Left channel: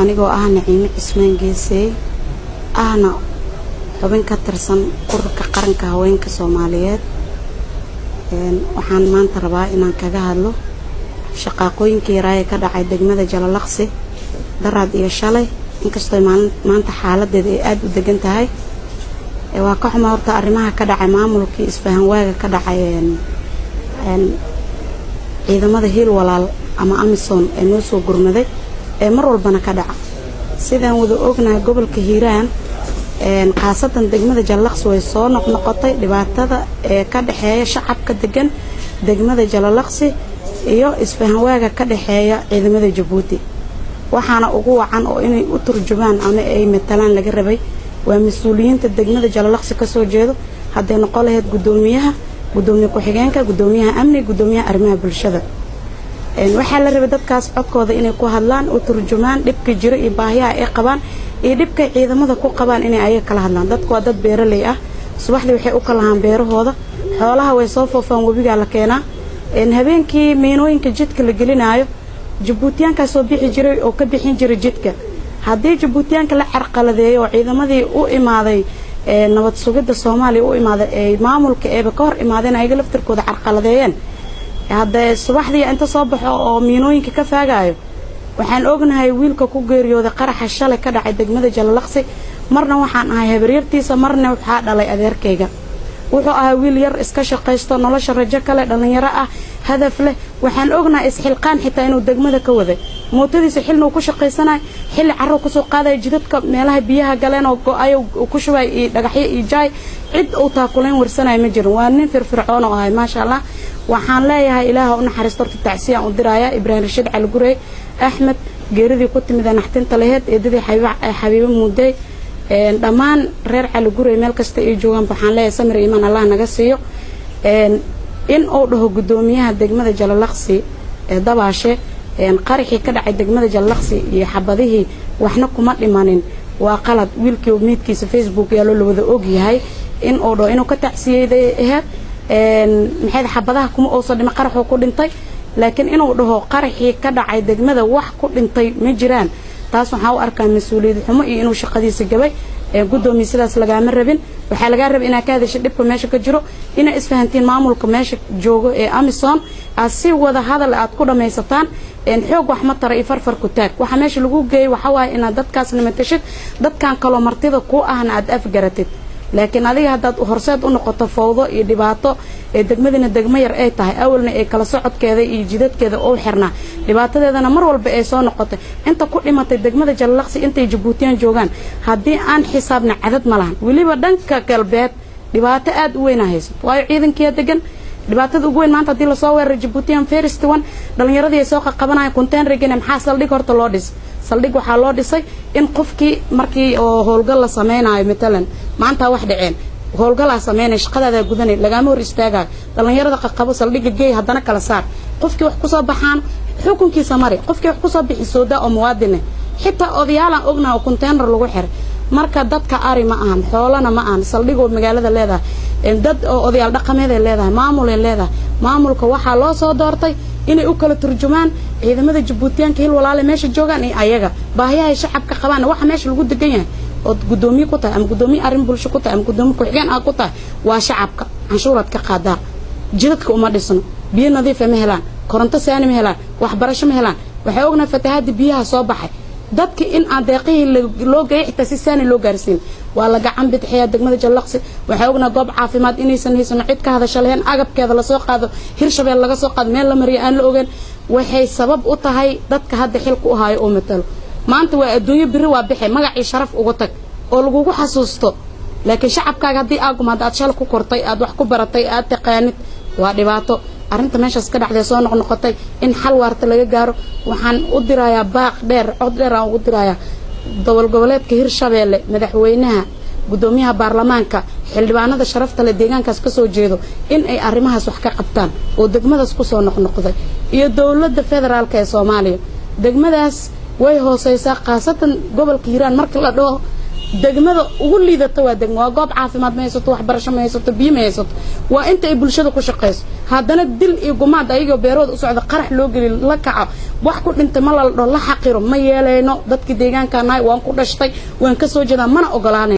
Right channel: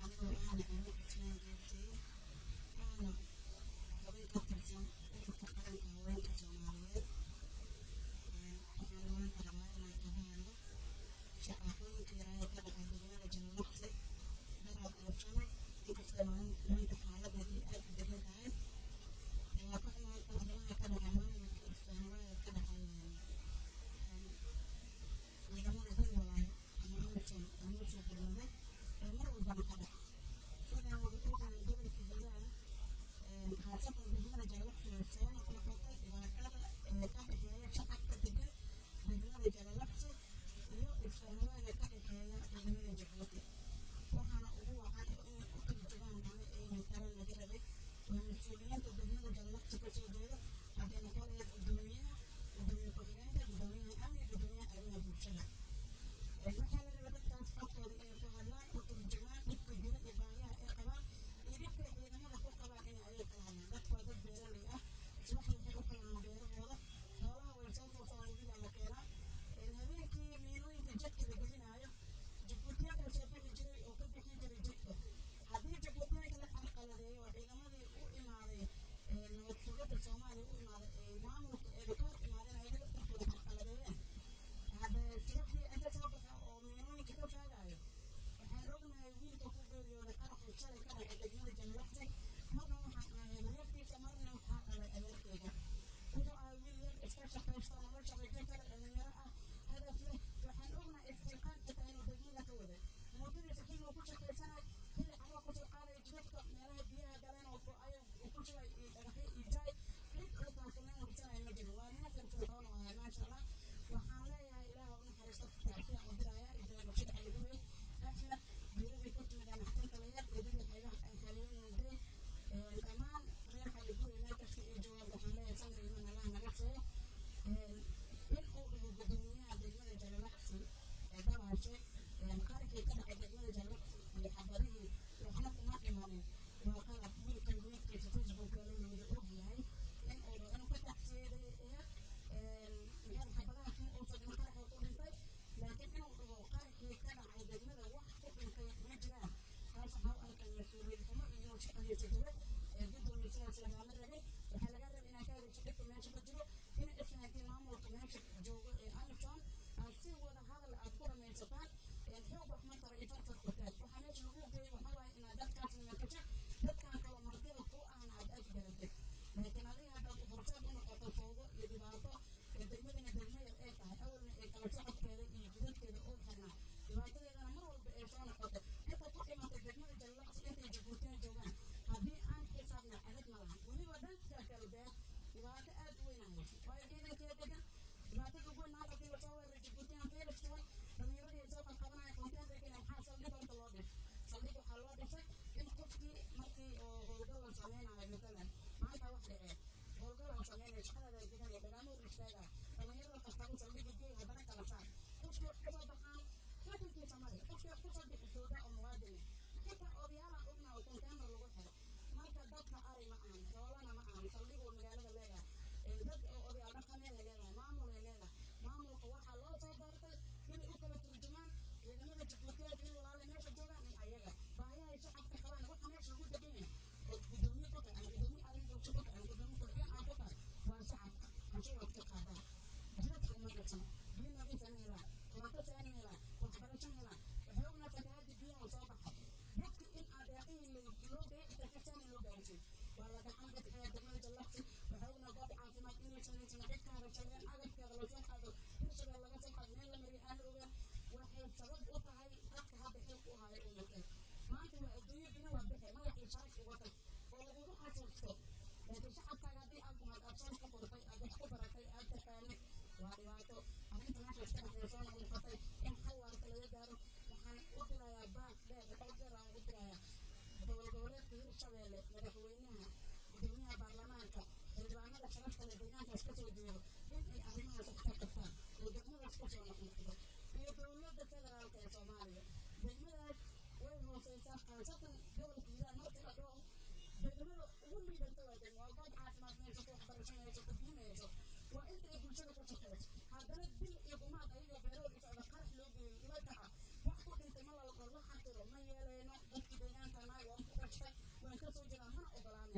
anigoo ah Naciime Cismaan Geesay ahna xubin ka tirsan ururka qaranka haweenka Soomaaliyeed waxaan maanta rabaa inaan kaga hadlo shaqooyinkii raay ka dhacay degmada Jalalaqsi daraad iyo shalay inkastoo maanta xaaladeeda ay aad u degan tahay waa ka xumaa horta arrimaha ka dhacay maamulkii isfahan waaga ka dhacay ciidamada hiil walaal ama Amisom ee noo soo gurmaday ee mar walbana ka dhaca sidaan wada ognahay gobolka Hiiraan qaasatan degmada Jalalaqsi way soo noqnoqotay dhibaatada ee ka dhaxeeya shacabka degan degmada Jalalaqsi iyo isfahan waaga ka dhaxeeya ciidamada Jabuuti waxaana ugu wacan oo inay u turjumaan ama ay matalaan laga rabay waa mas'uuliyiinta degmada Jalalaqsi ka soo jeedo haday noqon lahayd gudoomiyaha gudoomiye ku-xigeenka gudoomiyaha amni gudoomiyaha arrimaha bulshada waxa la rabay dadkaas codkooda inay ku hadlaan oo turjumaan dhibka jira iyo baahiyaha ay qabaan iyo dhibka ciidamada ku qabaan inay ayaga kala hadlaan dadku waa dad beeraley ah subaxdii waxay u kala haan beerahooda xoolaha way soo foofaan wabiga la keenaa habeenkii meenooyinka jidka la gelinayo Jabuutiyaanka soo bixi jiray oo ka bixin jiray jidka haddii Jabuutiyaanka la carqaladeeyo ciidamadii u imaaday nabad sugidda Soomaaliya u imaaday ee maamulka ee ka hor imaadeen ayaga laftirkooda carqaladeeyeen hadda subaxdii inta soo baxo oo meenooyinka ka faagayo waxaan ognahay wiilka ku geeriyooday qaraxa shalay ka dhacay degmada Jalalaqsi marna waxaan ahay habaryartiisa marna waxa dhalay adeerkayga wuxuu ahaa wiil yar iska shaqeysto nolosha rajo kale dhalinyaro ah hadaf leh waxaan ognahay isxilqaan xitaa inuu degmada ka waday mootadiisa xilna uu ku shaqeysanay xilli carro ku soo qaaday jidadka meelaha biyaha galeen oo go'ay ku shubay dhagaxyo iyo jaay cid uu taakuleen warsanay ma jirin waa nin firfircoon oo ahay maasha Allah waxaan leeyahay ilaaha u naxariisto tacsiya u diraya Ibrahim Rashid Cali Gurey Ahmed geeridii ku timid naxtinta lahayd eedadii Xabiibo Muuday dhamaan reer Cali Gurey meel kasta ay joogan waxaan leeyahay samir iimaan Allah naga siiyo in uu dhaho gudoomiyaha degmada Jalalaqsi dabaashe qaraxii ka dhacay degmada Jalalaqsi iyo xabadihii waxna kuma dhimanin waa qalad wiilkii meedkiisa Facebook yaalo la wada og yahay in uu dhaho inuu ka tacsiyeeday maxay xabadaha kuma oo soo dhima qaraxo ku dhintay laakiin inuu dhaho qaraxii ka dhacay degmada wax ku dhintay ma jiraan taas waxa uu arkaa mas'uuliyad xumo iyo inuu shaqadiisa gabay gudoomiye sidaas laga ma rabin waxa laga rabay in ka hadasho dhibka meesha ka jiro in isfahantiin maamulka meesha joogo ee Amisom asi wada hadal aad ku dhameysataan xoog wax ma tara farfar ku taag waxa meesha lagu geeyay waxa waay in dadkaas nimatashid dadkan kala martida ku ahna aad afgaratid laakiin adiga hadaad horseed u noqoto fawdo iyo dhibaato ee degmadina degmo yar ay tahay awalna ay kala socodkeeda iyo jidadkeeda oo xirna dhibaatadeedana mar walba ay soo noqotay inta ku dhimatay degmada Jalalaqsi intay Jabuutiyaan joogan hadii aan xisaabna cadad ma lahan waliba dhanka galbeed dhibaato aad u weyn hayso waayo ciidankiya degan dhibaatada ugu weyn maanta hadii la soo weerar Jabuutiyaan First One dhalinyaradii ay soo qabanayaan container-gana maxaa saldhig horta loo dhis saldhig waxa loo dhisay in qofkii markii oo howlgal la sameeynayo matalan maanta wax dhaceen howlgal ah sameeyay shaqada gudanay laga hor istaaga dhalinyarada qaqabo saldhiga geey hadana kala saar qofkii wax ku soo baxaan xukunkiisa mari qofkii wax ku soo bixi sooda oo muwaadin xitaa odayaal aan ognaa oo container lagu xir marka dadka ari ma ahan xoolana ma ahan saldhigo magaalada leedahay dad odayaal dhaqameed ay leedahay maamul ay leedahay maamulka waxa loo soo doortay inay u kala turjumaan ciidamada Jabuutiyaanka hil walaal meesha joogan ee ayaga baahiyaha shacabka qabaan waxa meesha lagu degan yahay oo gudoomiye ku tahay ama gudoomiye arrin bulsho ku tahay ama gudoomiye ku xigeen ku tahay waa shacabka canshuurad ka qaada jidadka uma dhisno biyo nadiif ma helaan koronto saani ma helaan waxbarasho ma helaan waxa ogna fatahaada biyaha soo baxay dadka in aan deeqihii loo geeyay xitaa si saani loo gaarsiin waa la gacan bidixaya degmada Jalalaqsi waxa ogna goob caafimaad inaysan haysan cid ka hadasho lahayn agabkeeda la soo qaado Hirshabelle laga soo qaado meel la mariyo aan la ogaan waxay sabab u tahay dadka hadda xilku u haayo oo matalo maanta waa adduunyo biri waa bixi magacii sharaf ugu tag oo lagu xasuusto laakiin shacabkaaga hadii aad shal ku kortay aad wax ku baratay aad taqaanid waa dhibaato arinta meeshaas ka dhacday soo noqnoqotay in xal waarta laga gaaro waxaan u dirayaa baaq dheer cod dheer aan u dirayaa goboleedka Hirshabelle madaxweynaha gudoomiyaha baarlamaanka xildhibaanada sharafta leh deegaankaas ka soo jeedo in ay arimahaas wax ka qabtaan oo degmadaas ku soo noqnoqday iyo dawladda federaalka ee Soomaaliya degmadaas way hooseysaa qaasatan gobolka Hiiraan marka la dhaho degmada ugu liidata waa degmo waa goob caafimaad ma haysato waxbarasho ma haysato biyo ma haysato waa inta ay bulshada ku shaqeyso haddana dil iyo gumaad ayagoo beerooda u socda qarax loo geli la kaco wax ku dhintay ma la xaqiro ma yeelayno dadkii deegaanka nahay waan ku dhashtay waan ka soo jeedaa mana ogolaanay